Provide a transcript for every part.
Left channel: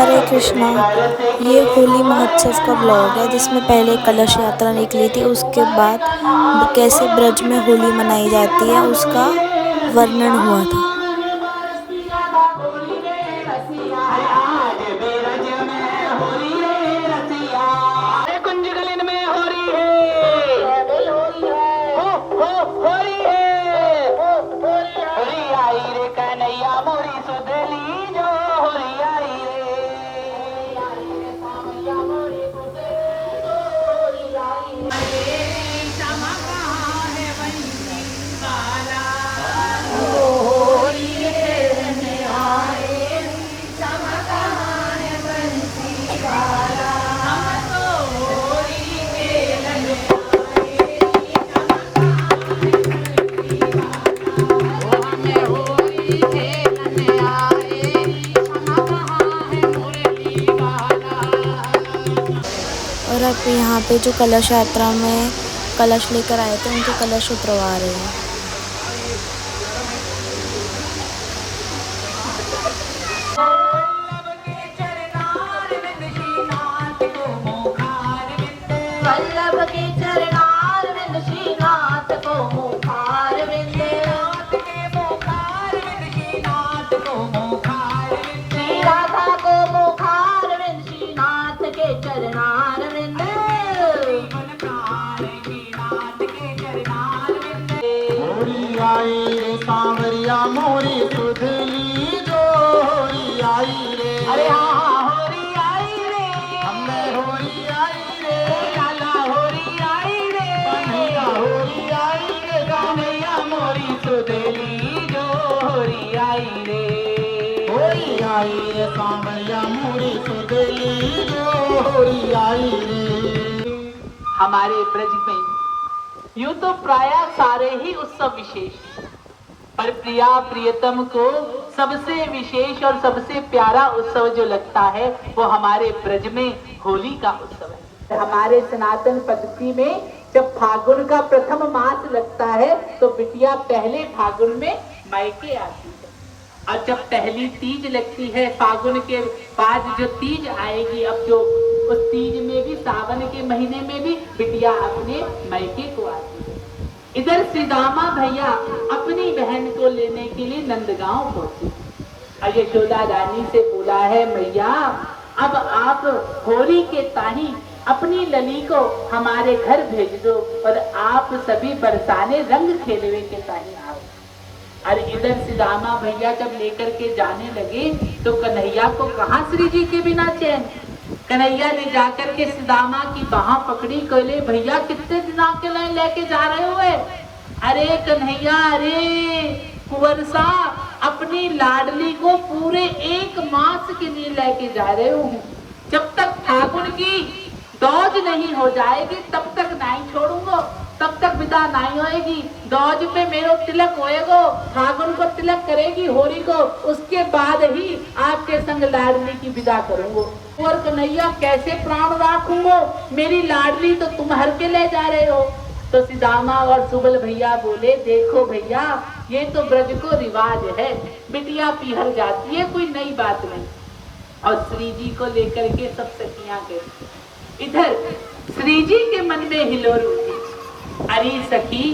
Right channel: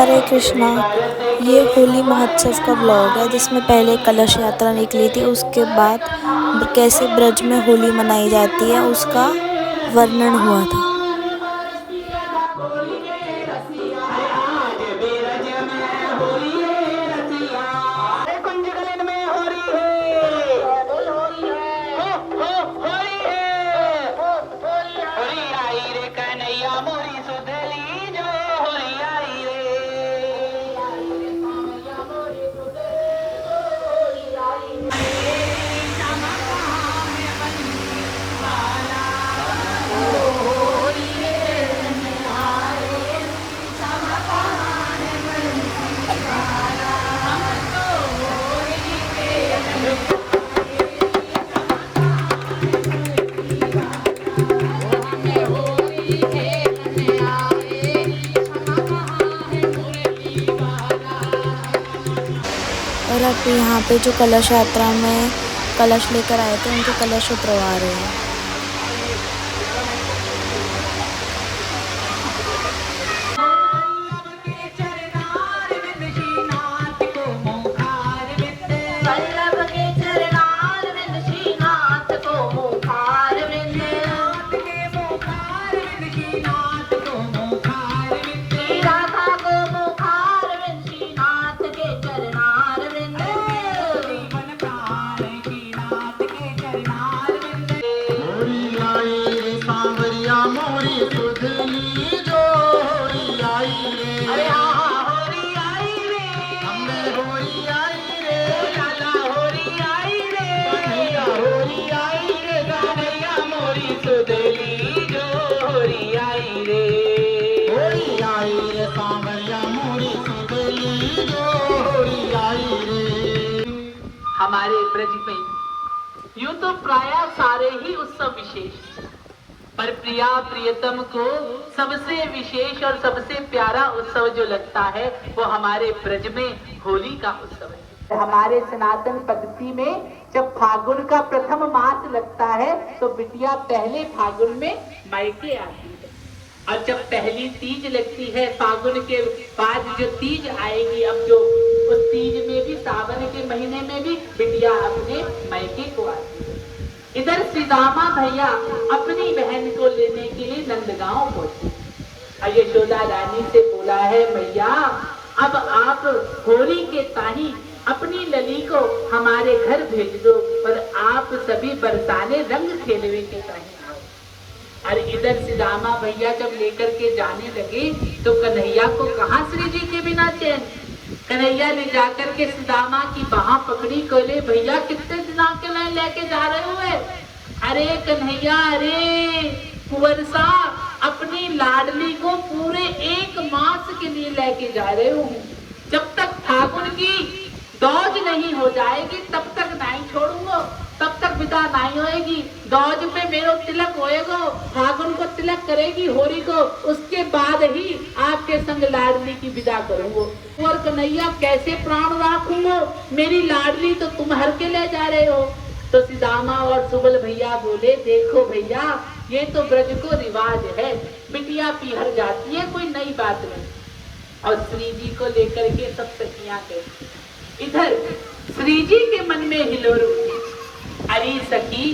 हरे कृष्णा। ये होली महोत्सव का ब्लॉग है जिसमें पहले कलश यात्रा निकली थी, उसके बाद कैसे ब्रज में होली मनाई जाती है उसका वर्णन हुआ था। और अब यहाँ पे जो कलश यात्रा में कलश लेकर आए थे उनके कलश उतरवा रहे हैं। हमारे ब्रज में यूं तो प्राय सारे ही उत्सव विशेष, पर प्रिया प्रियतम को सबसे विशेष और सबसे प्यारा उत्सव जो लगता है वो हमारे ब्रज में होली का उत्सव है। हमारे सनातन पद्धति में जब फागुन का प्रथम मास लगता है तो बिटिया पहले फागुन में मायके आती है, और जब पहली तीज लगती है फागुन के बाद जो तीज आएगी, अब जो उस तीज में भी सावन के महीने में भी बिटिया अपने मायके को आती है। इधर सीदामा भैया अपनी बहन को लेने के लिए नंदगांव पहुंची और यशोदा रानी से बोला है, मैया अब आप होली के ताही अपनी लली को हमारे घर भेज दो और आप सभी बरसाने रंग खेलवे के ताही आओ। और इधर सीदामा भैया जब लेकर के जाने लगे तो कन्हैया को कहाँ श्री जी के बिना चैन। कन्हैया ने जाकर के सीदामा की बाह पकड़ी, कहले भैया कितने दिनों के लिए लेके जा रहे हो? अरे कन्हैया, अरे कुंवर सा, अपनी लाडली को पूरे 1 मास के लिए लेके जा रहे हो। जब तक फागुन की दौज नहीं हो जाएगी तब तक नहीं छोड़ूंगा, तब तक विदा नहीं होएगी। दौज पे मेरो तिलक होएगो, फागुन को तिलक करेगी होली को, उसके बाद ही आपके संग लाडली की विदा करूंगा। और कन्हैया कैसे प्राण राखूंगा, मेरी लाडली तो तुम हर के ले जा रहे हो। तो सीदामा और सुबल भैया बोले, देखो भैया ये तो ब्रज को रिवाज है, बिटिया पीहर जाती है, कोई नई बात नहीं। और श्री जी को लेकर के सब सखियां गई। इधर श्री जी के मन में हिलोर उठी, अरे सखी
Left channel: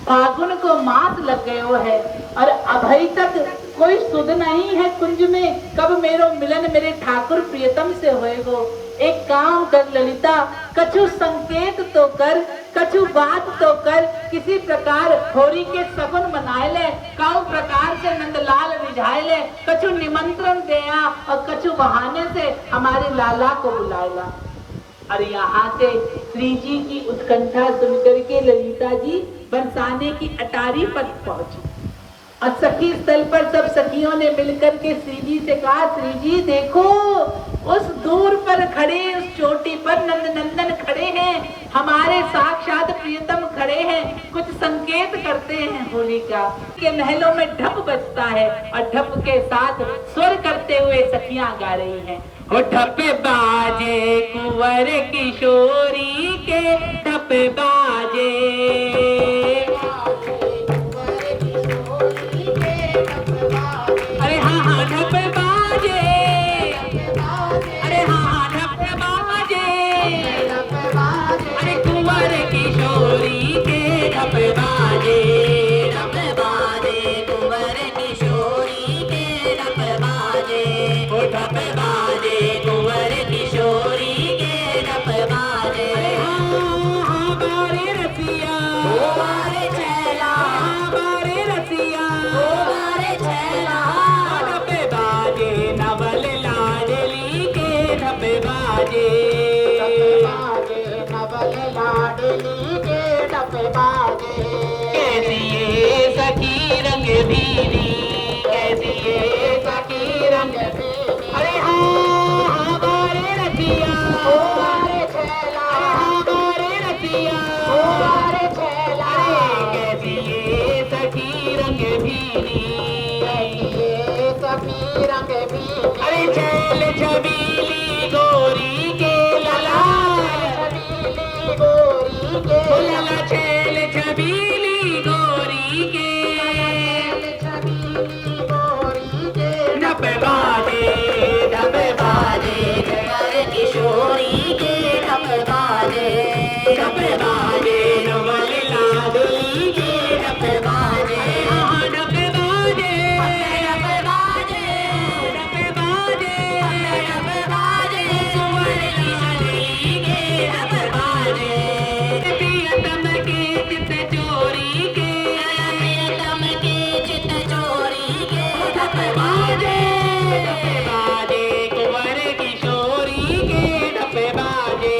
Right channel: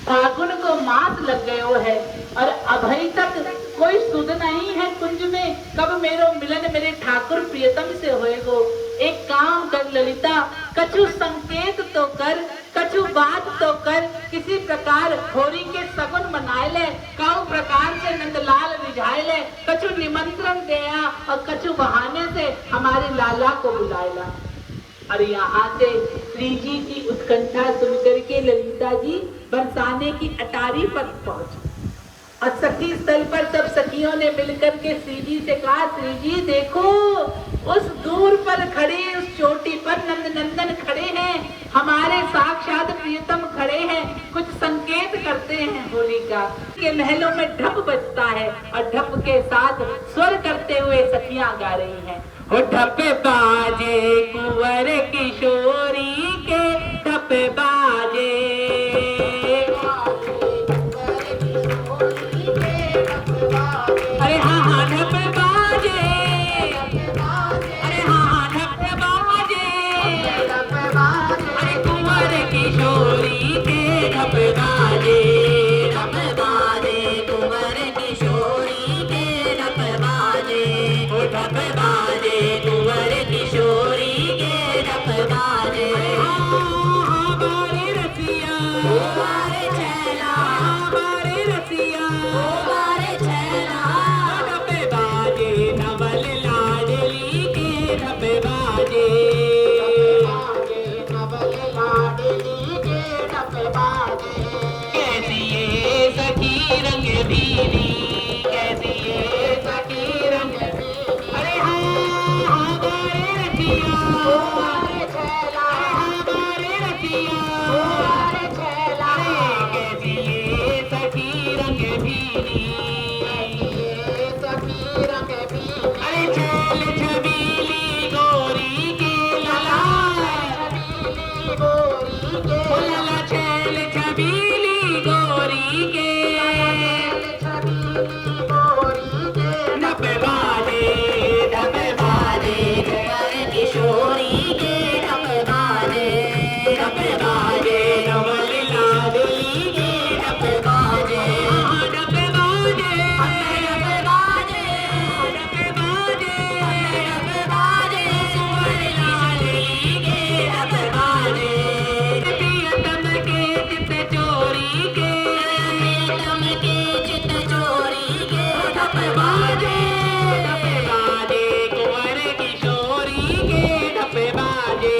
फागुन को मास लग गयो है और अभी तक कोई सुध नहीं है कुंज में, कब मेरो मिलन मेरे ठाकुर प्रियतम से होएगो। एक काम कर ललिता, कछु संकेत तो कर, कछु बात तो कर, किसी प्रकार होली के सगुन मनाए ले, कौ प्रकार से नंदलाल रिझाए ले, कछु निमंत्रण देया और कछु बहाने से हमारे लाला को बुलाएला। और यहाँ से श्री जी की उत्कंठा सुनकर के ललिता जी बरसाने की अटारी पर पहुंची और सखी स्थल पर सब सखियों ने मिलकर के श्री जी से कहा, श्री जी देखो उस दूर पर खड़े, उस चोटी पर नंद नंदन खड़े हैं, हमारे साक्षात प्रियतम खड़े हैं, कुछ संकेत करते हैं होली का। के महलों में ढप बजता है और ढप के साथ स्वर करते हुए सखियां गा रही हैं, वो ढप बाजे कुंवर किशोरी के ढप बाजे, अरे हाँ हाँ ढप बाजे, रसिया हमारे छैला हमारे रसिया हमारे छैला कैसी ये सखी रंग भीनी सखी रंग भीनी अरे छैल छबीली गोरी के लाला छबीली गोरी के लाला छैल छबीली गोरी के ढप बाजे जय किशोरी के ढप बाजे नवल लाडली के ढप बाजे ढप बाजे सुमन लाडली के ढप बाजे प्रियतम के चित चोरी के प्रियतम के चित चोरी के ढप बाजे कुंवर किशोरी के ढप बाजे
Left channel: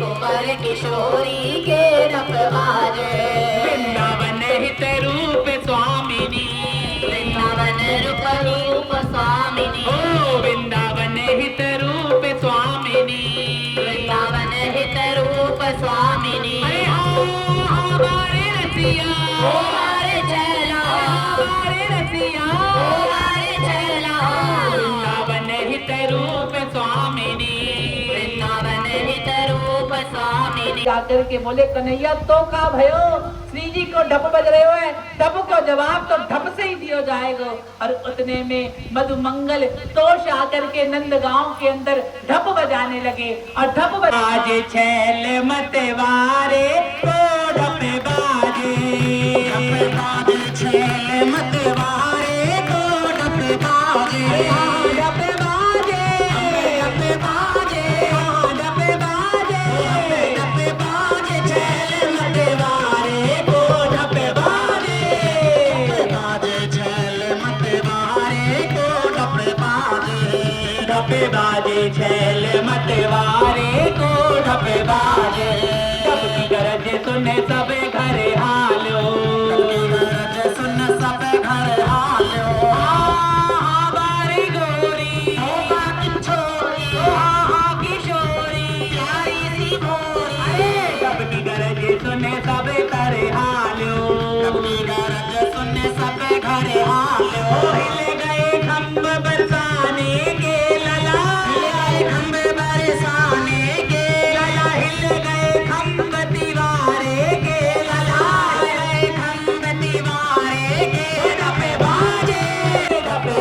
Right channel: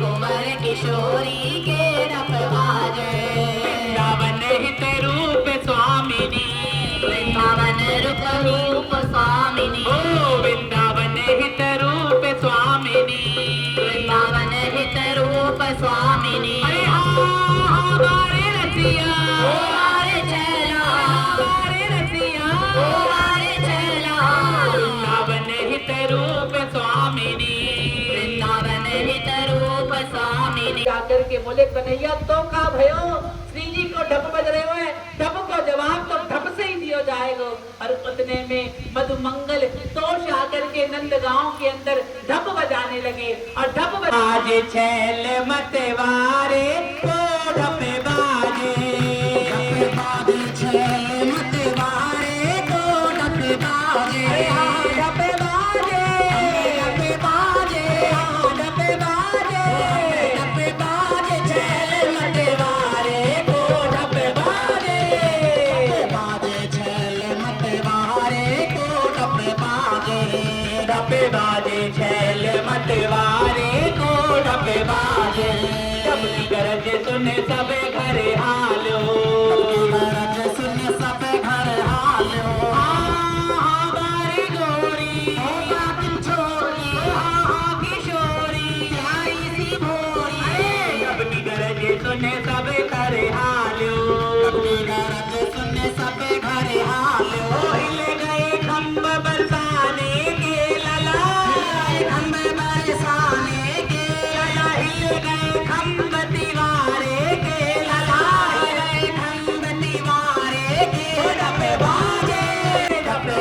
कुंवर किशोरी के ढप बाजे वृंदावन हित रूप स्वामिनी वृंदावन रूप स्वामिनी ओ वृंदावन हित रूप स्वामिनी वृंदावन हित रूप स्वामिनी हमारे रसिया हमारे छैला हमारे रसिया हमारे छैला वृंदावन हित रूप स्वामिनी वृंदावन हित रूप स्वामिनी आकर के बोले कन्हैया तो का भयो श्री जी को ढप बज रहे हो है ढप को जवाब तो ढप से ही दियो जाएगा और उतने में मधुमंगल तोष आकर के नंद गांव के अंदर ढप बजाने लगे और ढप आज छैल मतवारे को ढप बाजे छैल मतवारे को ढप बाजे ढप बाजे ढप बाजे ढप बाजे छैल मतवारे को ढप बाजे छैल मतवारे को ढप बाजे छैल मतवारे को ढप बाजे सबकी गरज सुन सब घर हालो सबकी गरज सुन सब घर हालो हमारी गोरी किशोरी प्यारी सी गोरी सबकी गरज सुन सब घर हालो सबकी गरज सुन सब घर हालो हिल गए खम्भ बरसाने के लला खम्भ बरसाने के लला हिल गए खम्भ दीवारे के लला खम्भ दीवारे के ढप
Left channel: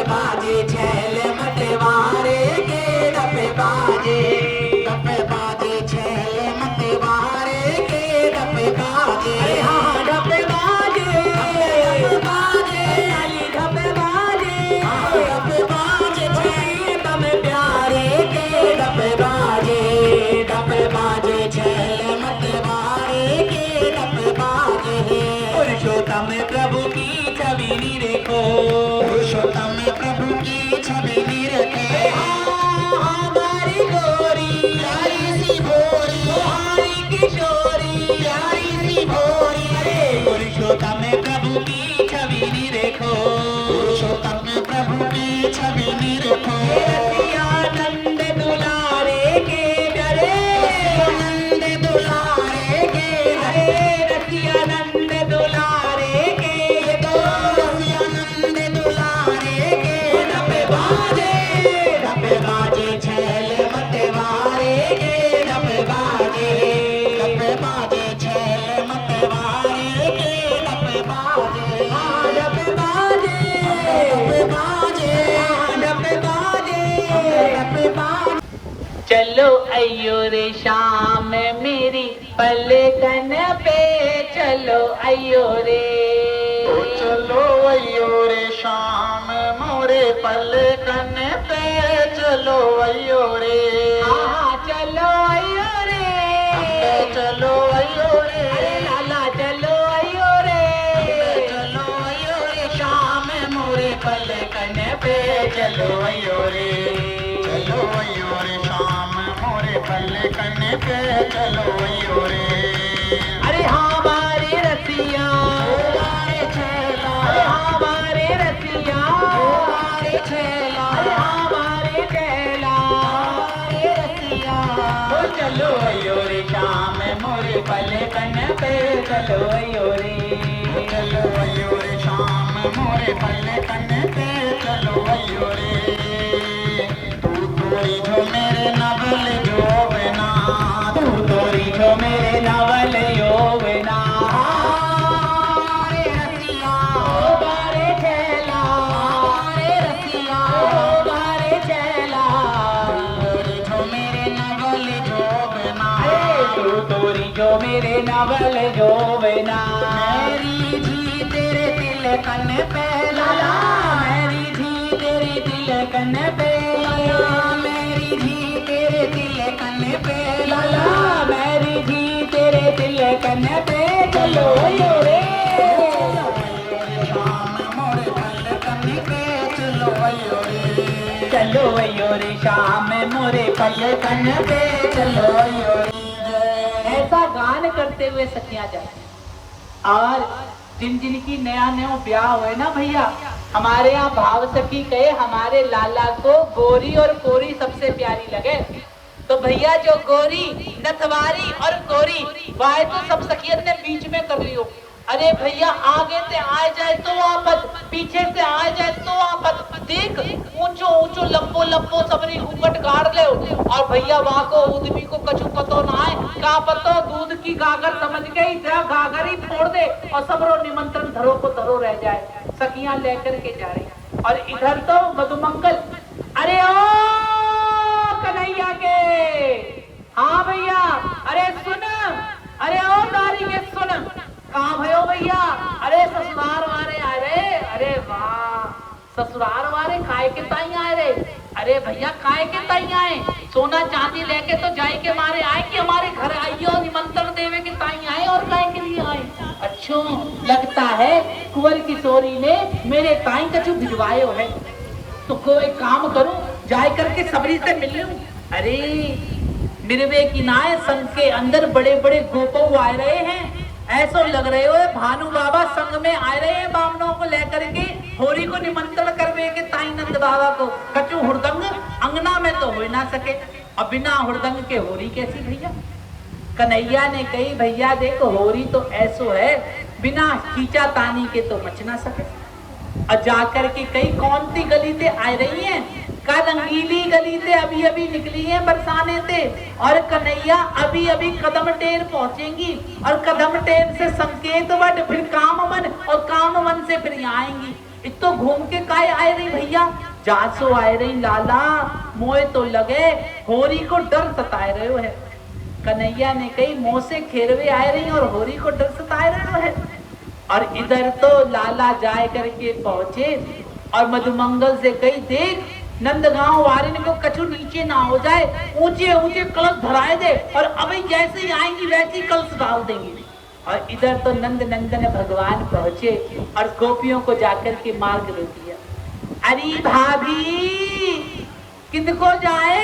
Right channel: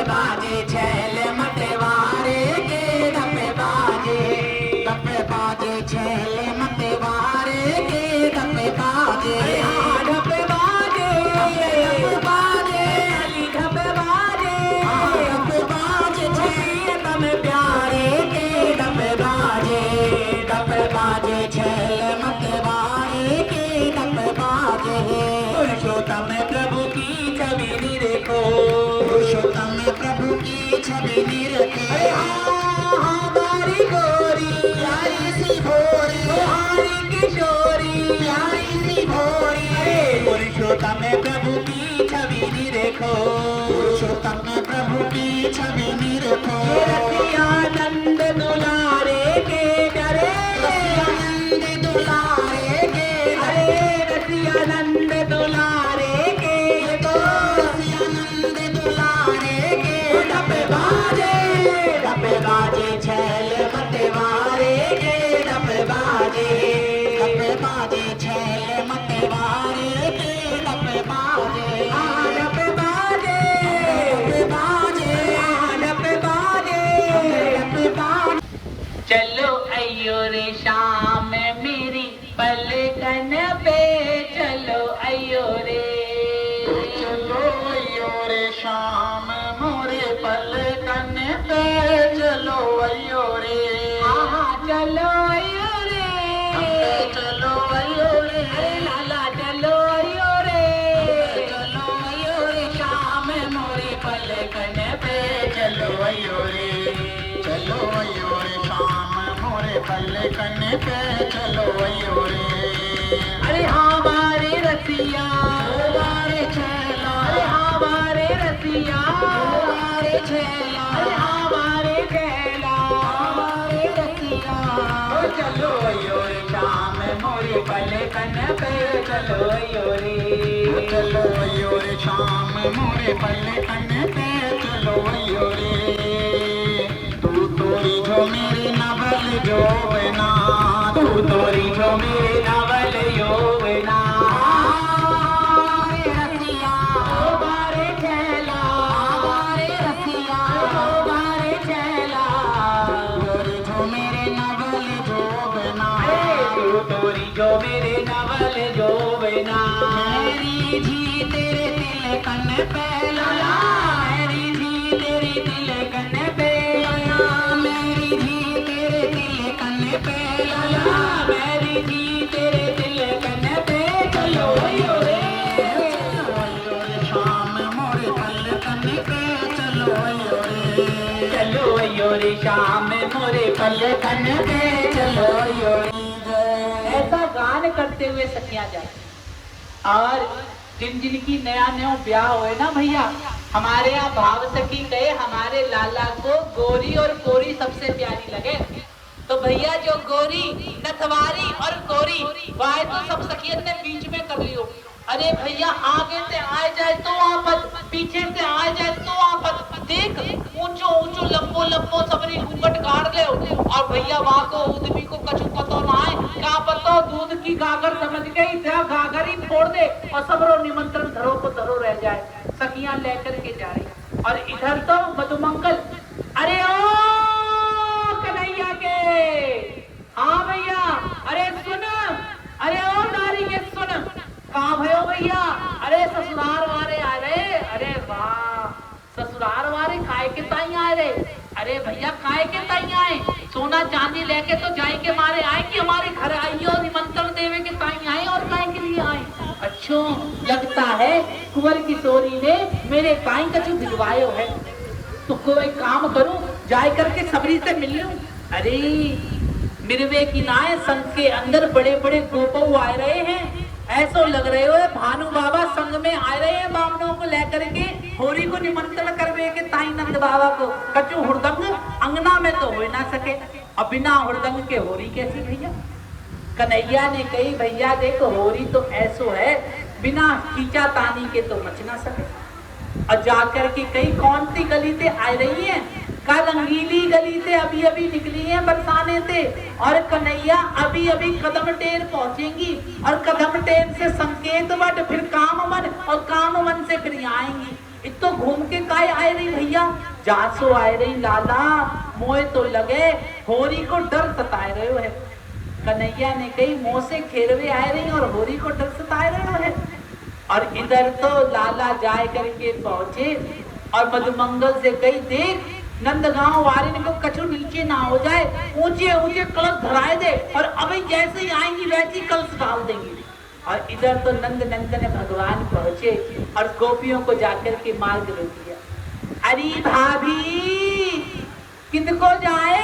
बाजे छैल मतवारे के ढप बाजे छैल मतवारे के ढप बाजे ढप बाजे ढप बाजे प्रियतम प्यारे के ढप बाजे छैल मतवारे के ढप बाजे पुरुषोत्तम प्रभु की छवि निरखो पुरुषोत्तम प्रभु की छवि निरखो हमारी गोरी प्यारी सी भोरी हमारी किशोरी प्यारी सी भोरी पुरुषोत्तम प्रभु की छवि निरखो पुरुषोत्तम प्रभु की छवि निरखो रसियानंद दुलारे के डरे रसियानंद दुलारे के डरे रसियानंद दुलारे के रसियानंद दुलारे के ढप बाजे छैल मतवारे के ढप बाजे छैल मतवारे के ढप बाजे ढप बाजे चलो अयो रे शाम मेरी पलकन पे चलो अयो रे चलो अयो रे शाम मोरे पलकन पे चलो अयो रे चलो अयो रे चलो अयो रे लाला चलो अयो रे चलो अयो रे शाम मोरे पलकन पे चलो अयो रे शाम मोरे पलकन पे चलो अयो रे अरे हमारे रसिया हमारे छैला हमारे रसिया हमारे छैला हमारे छैला चलो अयो रे श्याम मोरे पलकन पे चलो अयो रे चलो अयो रे श्याम मोरे पलकन पे चलो अयो रे तू तोरी जो मेरे नवल जो बना तू तोरी जो मेरे नवल जो बना जो मेरे नवल जो बना मेरी जी तेरे तिलकन पे लाला मेरी जी तेरे तिलकन पे लाला मेरी जी तेरे तिलकन पे लाला मेरी जी तेरे तिलकन पे चलो यो रे श्याम मोरे पलकन पे चलो यो रे चलो यो रे श्याम मोरे पलकन पे चलो यो रे गान करते हुए सखियां जाती और जिन जिनकी नया नया ब्याह हुए ना भैया, हमारे यहाँ भाव सखी कहे हमारे लाला को गोरी और कोरी सबसे प्यारी लगे। तो भैया जो गोरी नथवारी और कोरी वह तो सब सखियत ने बीच में कर लियो। अरे भैया आगे से आ जाए तो आपत, पीछे से आ जाए तो आपत, देख ऊंचो ऊंचो लंबो लंबो सबरी घूंघट गाड़ ले और भैया वहां को उदमी को कछु पतो ना है क्या पतो दूध की गागर समझ गई तेरा गागर ही फोड़ दे और सबरो निमंत्रण धरो को धरो रह जाए। सखियां लेकर के जा रही और इधर तो मधुमंगल अरे ओ कन्हैया के हाँ भैया अरे सुन अरे ओ दारी के सुन कहाँ भयो भैया अरे ससुराल वाले आ रहे अरे वाह ससुराल वाले काय के ताई आए रे अरे भैया काय के ताई आए सोना चांदी लेके तो जाई के मारे आए कि हमारे घर आइए और निमंत्रण देवे के ताई आए और काय के लिए आए। अच्छा लगता है कुंवर किशोरी ने मेरे ताई कछु भिजवायो है तो कोई काम करूं जाए करके सबरी से मिल लूं। अरे मिरवे की नाय संग के अंदर बड़े बड़े गोपो आए रहे हैं ऐसा लग रहे हो भानु बाबा संग में आ रहे हैं बावनों को लेकर के होरी को निमंत्रण करवे के ताई नंद बाबा को कचू हुड़दंग अंगना में तो हो ना सके और बिना हुड़दंग के होरी कैसी भैया। कन्हैया ने कही भैया देखो होरी तो ऐसो है बिना खींचा तानी के तो मच ना सके और जाकर के कई कौन सी गली से आ रही है का रंगीली गली से अभी अभी निकली है बरसाने से और कन्हैया अभी अभी कदम टेर पहुंचेंगी और कदम टेर से संकेत वट फिर कामवन और कामवन से फिर आएंगी। इतो घूम के काय आए रही भैया जासो आए रही लाला मोए तो लगे होरी को डर सताए रहे हो है। कन्हैया ने कही मोह से खेरवे आए रही और होरी को डर सताए रहे हो है। और इधर तो लाला जाए करके पहुंचे और मधुमंगल से कही देख नंदगांव वारिन को कछु नीचे ना हो जाए ऊंचे ऊंचे कलश धराए दे और अभी जैसे ही आएंगी वैसे ही कलश डाल देंगे। और इधर तो नंद नंदन भगवान पहुंचे और गोपियों को जाकर के मार्ग रोकी है। अरे भाभी किनको जाए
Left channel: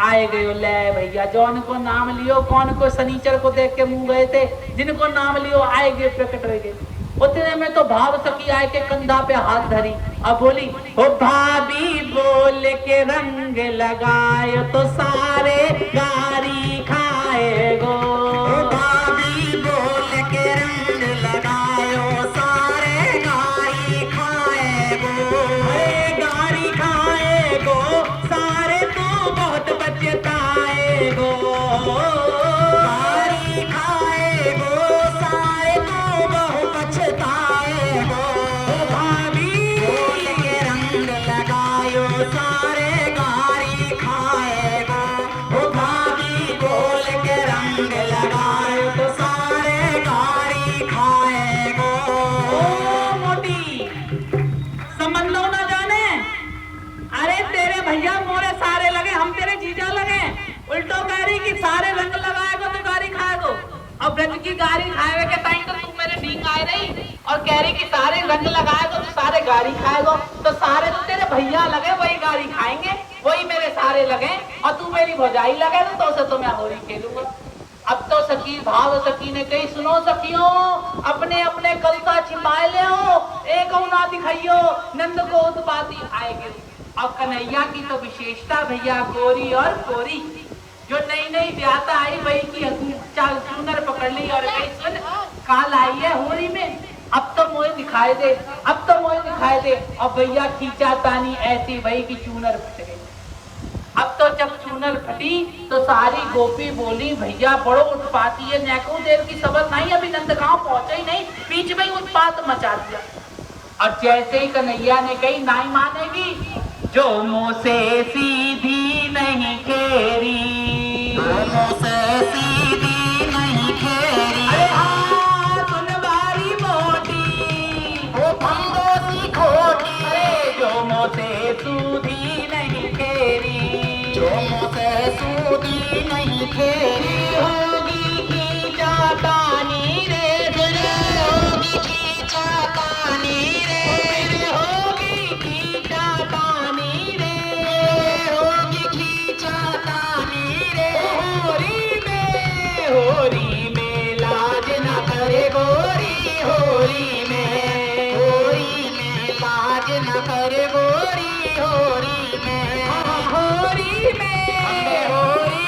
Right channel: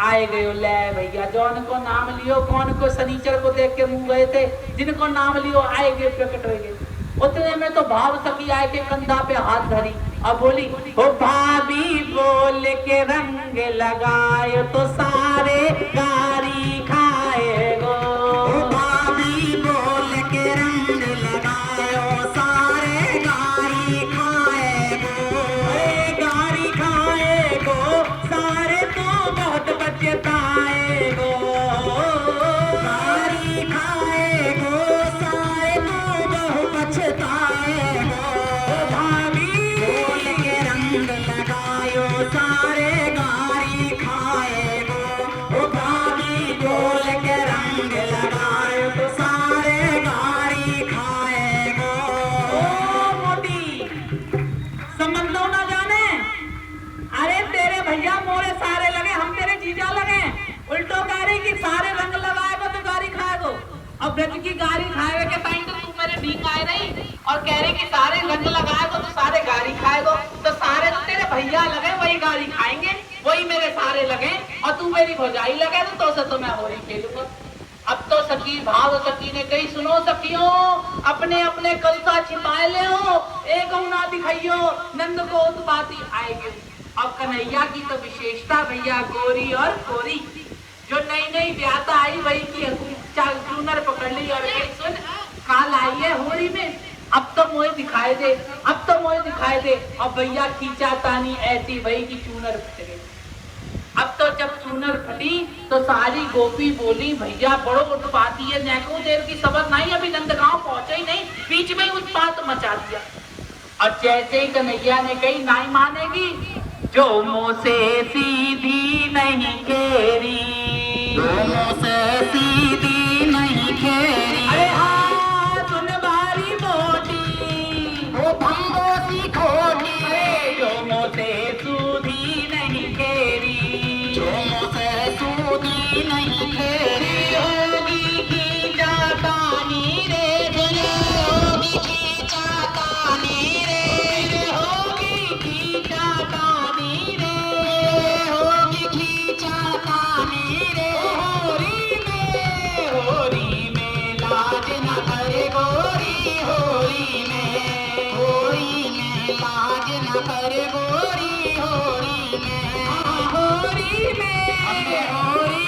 आए गए ले भैया जौन को नाम लियो कौन को सनीचर को देख के मुंह गए थे जिनको नाम लियो आए गए प्रकट हो गए। उतने में तो भाव सखी आए के कंधा पे हाथ धरी और बोली ओ भाभी बोल के रंग लगाए तो सारे गारी खाए गो भाभी बोल के रंग लगायो सारे गारी खाए गो सारे तो बहुत बचताए गो गारी खाए गो सारे तो बहुत बचताए गो भाभी बोल के रंग लगायो सारे गारी खाए गो भाभी बोल के रंग लगायो तो सारे गारी खाए गो मोटी समझ लो ना जाने अरे तेरे भैया मोरे सारे लगे हम तेरे जीजा लगे उल्टो गाड़ी की सारे रंग लगाएगो तो गाड़ी खाएगो और ब्रज की गाड़ी खाए के टाइम तो तू मेरे ढींग आए रही और कह रही कि सारे रंग लगाएगो तो सारे गाड़ी खाएगो तो सारे तो तेरे भैया लगे वही गाड़ी खाएंगे वही मेरे सारे लगे और तू मेरी भौजाई लगे तो से तो मैं होली खेलूंगा। अब तो सखी भाव सखी ने कही सुनो सखियों अपने अपने कलसा छिपाए ले एक ना दिखाइयो नंद को उत्पाती आएगी। अब कन्हैया की तो विशेषता भैया गोरी और कोरी जो नई नई ब्याता आई वही की चूनर पकड़ ली और कही सुन काल आई है होली में, अब तो मुझे दिखाए दे, अब तो मुझे दिखाए दे। और भैया खींचा तानी ऐसी वही की चूनर फट गई। अब तो जब चूनर फटी तो सारी गोपी बोली भैया बड़ो उत्पाती है, नैको देर की सबक नहीं, अभी नंदगांव पहुंचे ही नहीं, बीच में ही उत्पात मचा दिया। और जैसे ही कन्हैया ने कही नहीं मानेगी, जो मुँह से सीधी नहीं केरी, जो मुँह से सीधी नहीं केरी, अरे हाँ सुन बारी मोटी वो भांगो सी खोटी, जो मुँह से सूधी नहीं केरी, जो मुँह से सूधी नहीं केरी, होगी की जातानी रे फिर, होगी की जातानी रे, होगी की जातानी रे, होगी की जातानी रे, होरी में लाज न करे गोरी, होरी में लाज न करे गोरी, होरी में, होरी में, होरी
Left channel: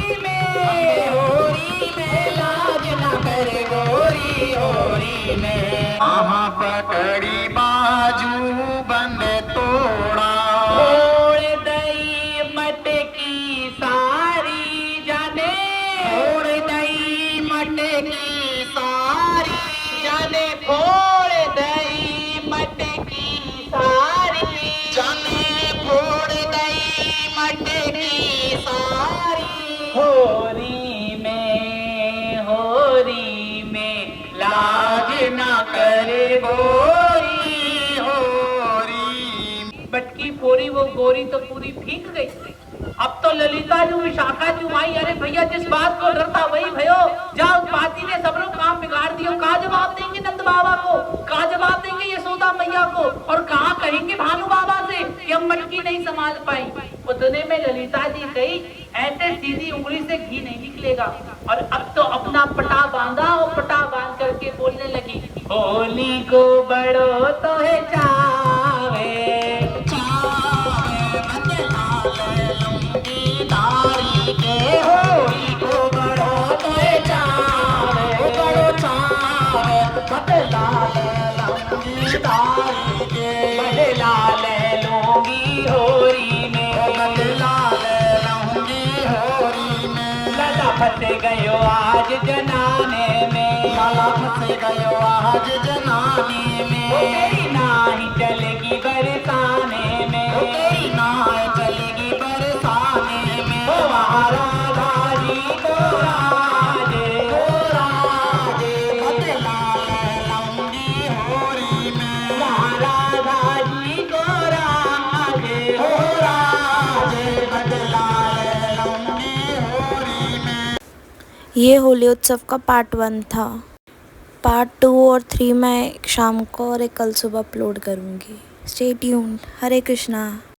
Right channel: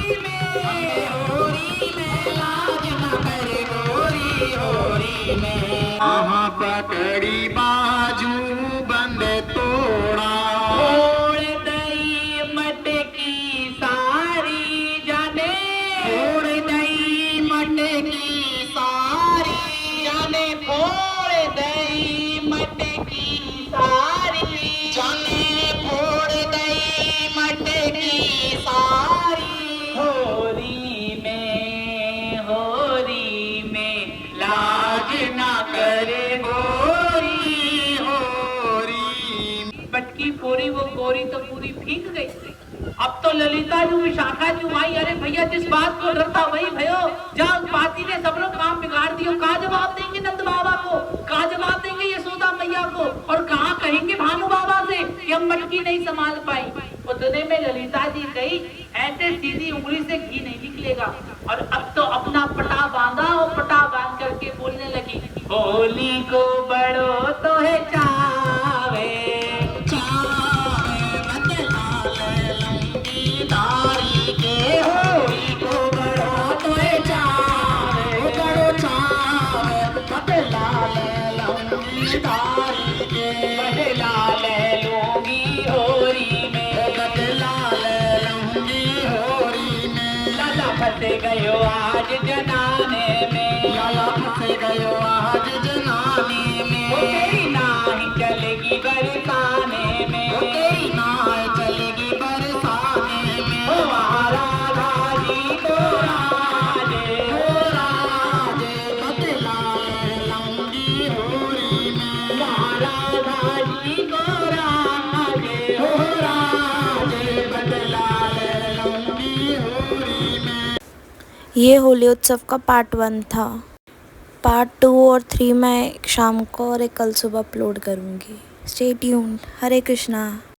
में, होरी में लाज न करे गोरी, होरी में। आहा पकड़ी बाजू बंद तोड़ा, छोड़ दई मटकी सारी जाने, छोड़ दई मटकी सारी, जाने फोड़ दई मटकी सारी, जाने फोड़ दई मटकी सारी, होरी में लाज ना करे गोरी, होरी मटकी फोड़ी वो गोरी तो पूरी भीग गई। अब तो ललिता जू विशाखा जू आई, अरे भैया जिस बात को डरता वही भयो, जाओ पाती ने सब लोग काम बिगाड़ दियो, कहा जवाब देंगे नंद बाबा को, कहा जवाब देंगे यशोदा मैया को, और कहा कहेंगे भानु बाबा से कि हम मटकी नहीं संभाल पाई। उतने में ललिता जी कही ऐसे सीधी उंगली से घी नहीं निकलेगा, और अब तो अपना पटा बांधा और पटा बांध करके बोलने लगी, होली को बड़ो तो है चावे, दारी के, होली को बड़ो तो चावे, बड़ो चावे, बदला ले लूंगी दारी के, बदला ले लूंगी होरी में, बदला ले लूंगी होरी में, लाला फंस गयो आज जनाने में, लाला फंस गयो आज जनानी में, ओ तेरी नाही चलेगी बरसाने में, ओ तेरी नाय चलेगी बरसाने में, ओ राजा जी को राजे, हो राजे बदला ले लूंगी होरी में, राजा जी को राजे, हो राजे बदला ले लूंगी होरी में। ये होली उत्सव का पार्ट 1 था। पार्ट 2 और 3 मैं शाम को और एक कल सुबह अपलोड करूँगी। Stay tuned. हरे कृष्णा।